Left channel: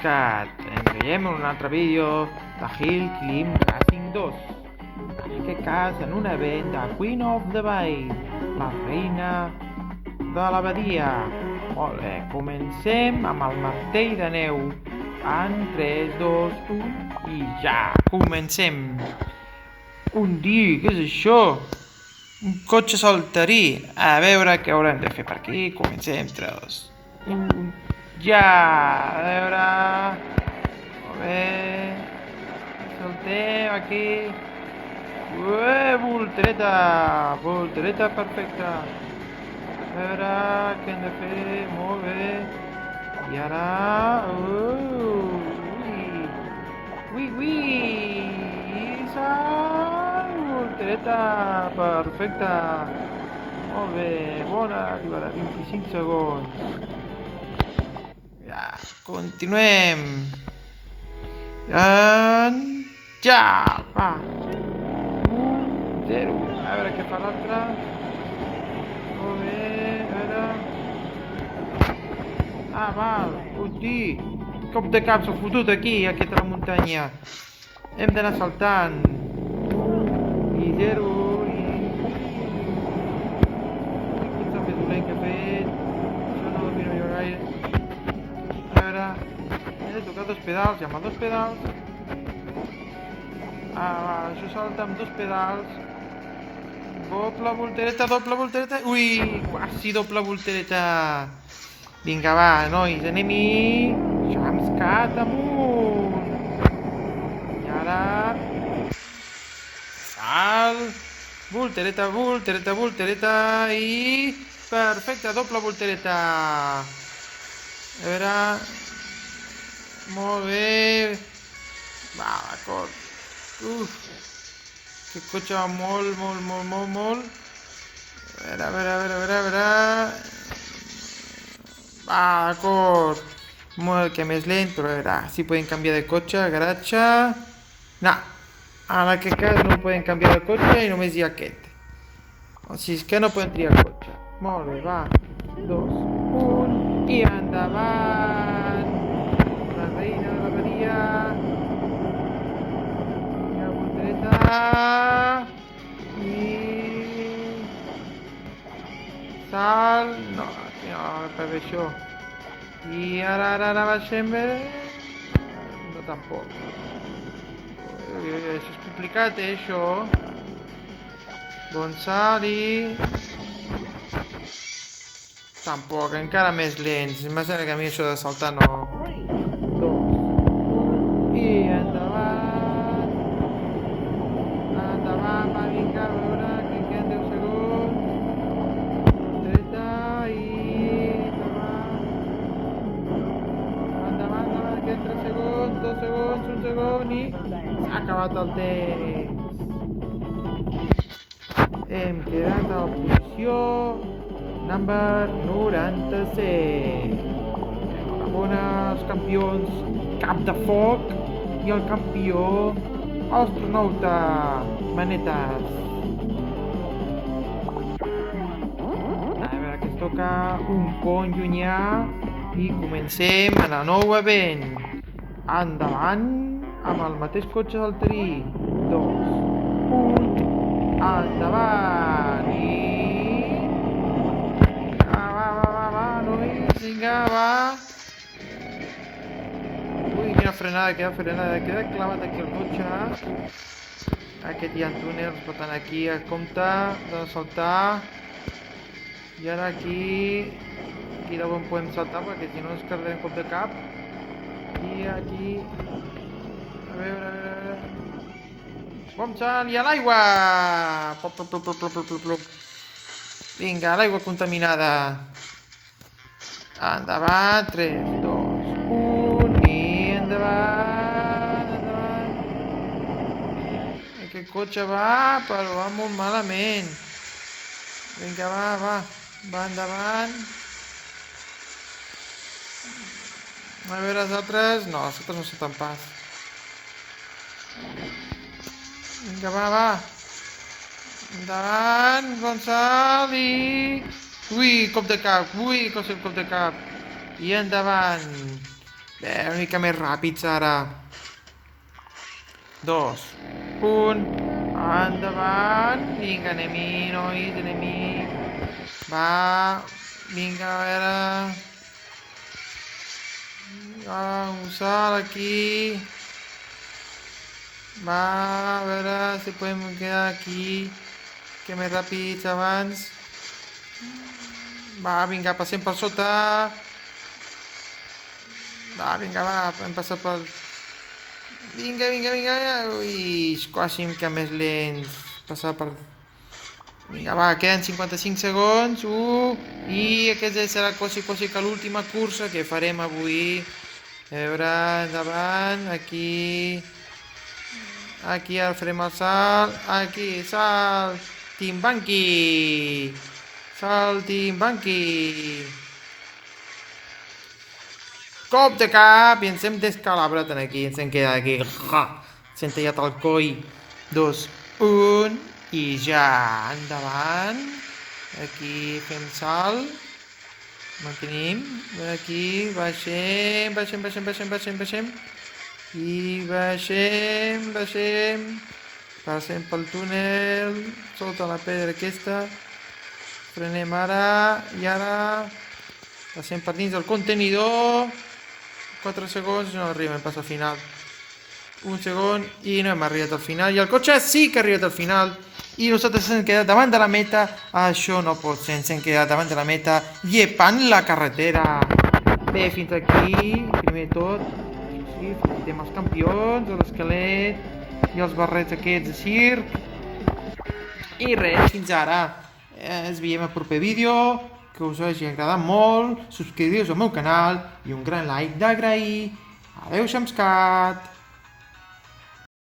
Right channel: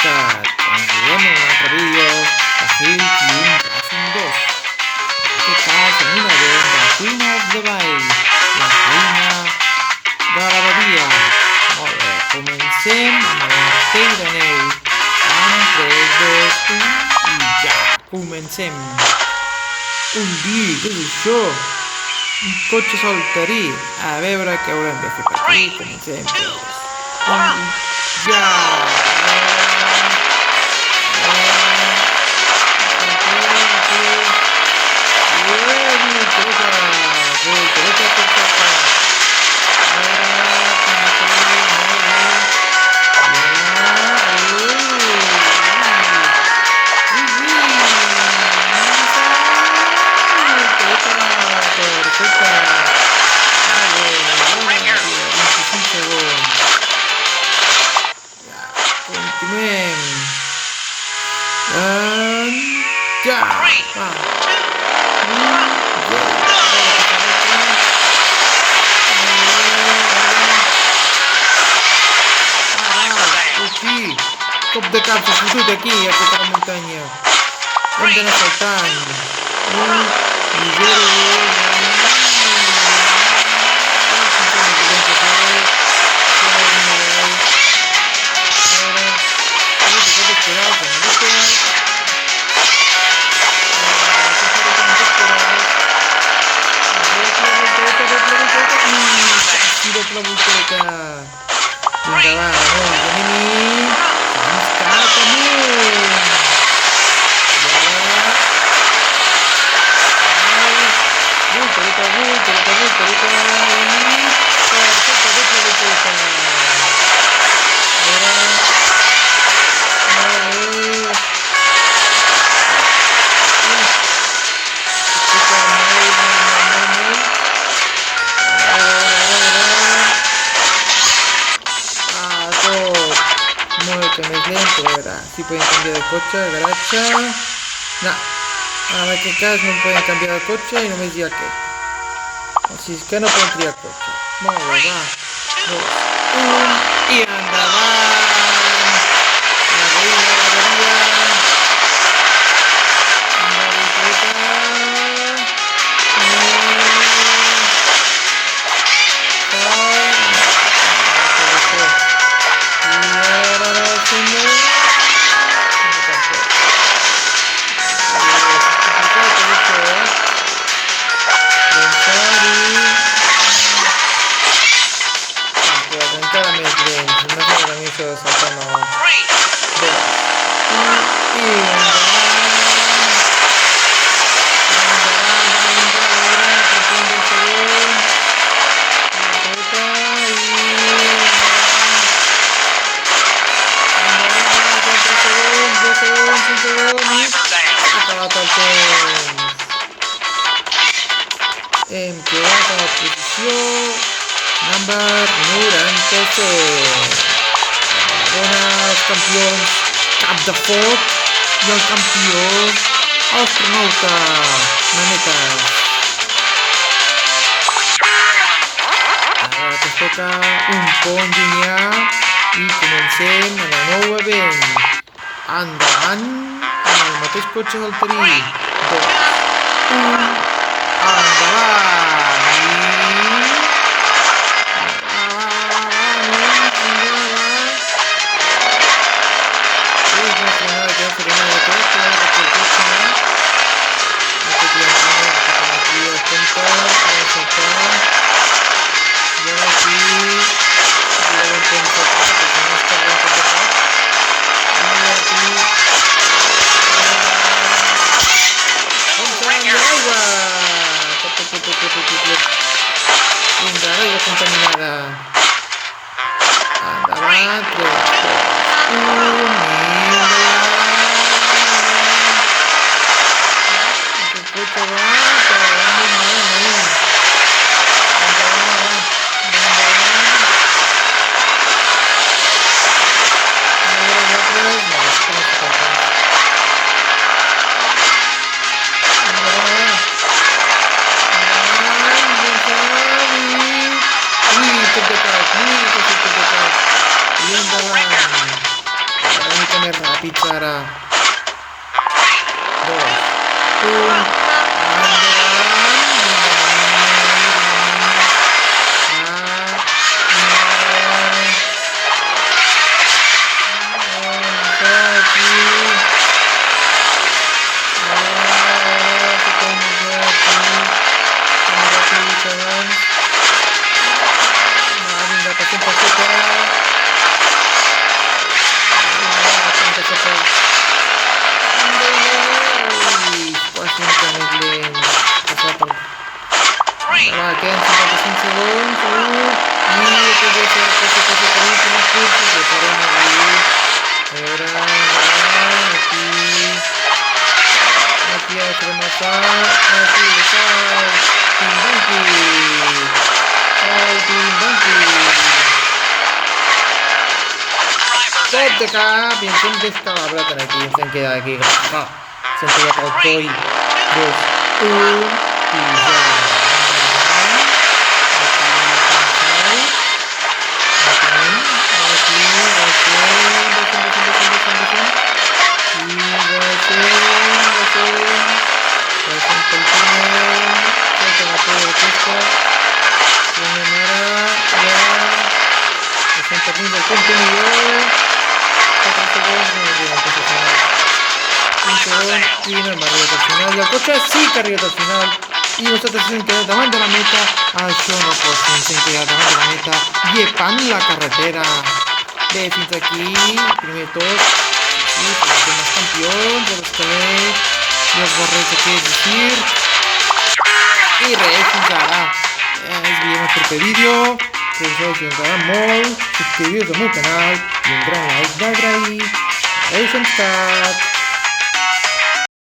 benvincat. Ens veiem en un altre vídeo de Hill Climb Racing 2. En aquest cas, en un event de Queen of the Bay, la reina de la badia. Molt bé, comencem amb el martell de neu. En 3, 2, 1 i ja! Comencem! Un dia, què és això? Un cotxe saltarí. A veure què haurem de fer per aquí. Comencem, 3, 1, ja! Aquí. Voltereta perfecta. A veure, com ho fem, molt bé. I ara... Perfecte. Molt bé, bona, 25 segons. Ja, continuem. Ja, va. 0. A veure què fa l'altre. Molt bé, hosti. Cop de cap s'ha fotut aquí, a tota la muntanya. Hem d'anar saltant. 1 i 0. Pedals, en dos pedals. Aquí falten dos pedals. Doble voltereta. I doble voltereta. Vinga, va, nois, anem-hi. Cap amunt. I ara... Voltereta. I... perfecte, doble voltereta. A veure... molt bé. S'escucha molt. A veure. Tot. Molt més lento, a veure. Si pueden cambiar de cotxe, garatge. No. En aquest cas no poden canviar de cotxe i només hi ha aquest. O sigui, és que no poden triar cotxe. Molt bé, va. 2, 1 i endavant. Tampoc, encara més lents. No sé que a mi això de saltar no... I acabat el temps. Hem quedat a la posició number 97. Enhorabona els campions Cap de Foc i el campió astronauta Manetes. Ara que toca un pont llunyà i comencem en el nou event. Endavant amb el mateix cotxe saltarí. 2, 1, endavant. Queda frenada perquè el cotxe aquest llanciner que tenim aquí el compte, vam saltar i ara aquí no podem saltar perquè si no es perdem cop de cap i aquí compte i a l'aigua vinga, l'aigua contaminada endavant 3, 2, 1 cotxe va, però va molt malament. Endavant. A veure els altres... No, és que no s'ho compten. Endavant. Ben Xavi. Ui, cop de cap. I endavant. mica més ràpids ara. 2, 1, endavant. Vinga, Moni. Va, vinga. Això aquí. Va, a veure si podem pujar aquí. Que més ràpid que abans. Va, vinga, passem per sota. Vinga, passem per sota. Ui, quasi una mica més lent. Passar per... Vinga, va, queden 55 segons. I aquest ja serà per l'última cursa que farem avui. A veure, endavant, aquí. Aquí ja farem el salt. Aquí, salt. Timbanqui. Salt, Timbanqui. Top de cap i ens hem descalabrat aquí, ens hem quedat aquí. S'hem tallat el coll. 2, 1 i ja. Endavant. Aquí fem salt. Aquí, baixem. I baixem. Passem pel túnel. Tota la pedra aquesta. Tornem ara, ja. Passem per dins del contenidor. 4 segons, no arribem pas al final. 1 segon i no hem arribat al final. I el cotxe sí que ha arribat al final. I nosaltres ens hem quedat davant de la meta. Això no pot ser, ens hem quedat davant de la meta, llepant la carretera. Bé, fins aquí, primer tot. I som els campions de l'esquelet i els barrets aquests de circ. I res, fins ara. Ens veiem al proper vídeo. Que us hagi agradat molt. Subscriviu-vos al meu canal i un gran like d'agrair. Adéu, Samscat!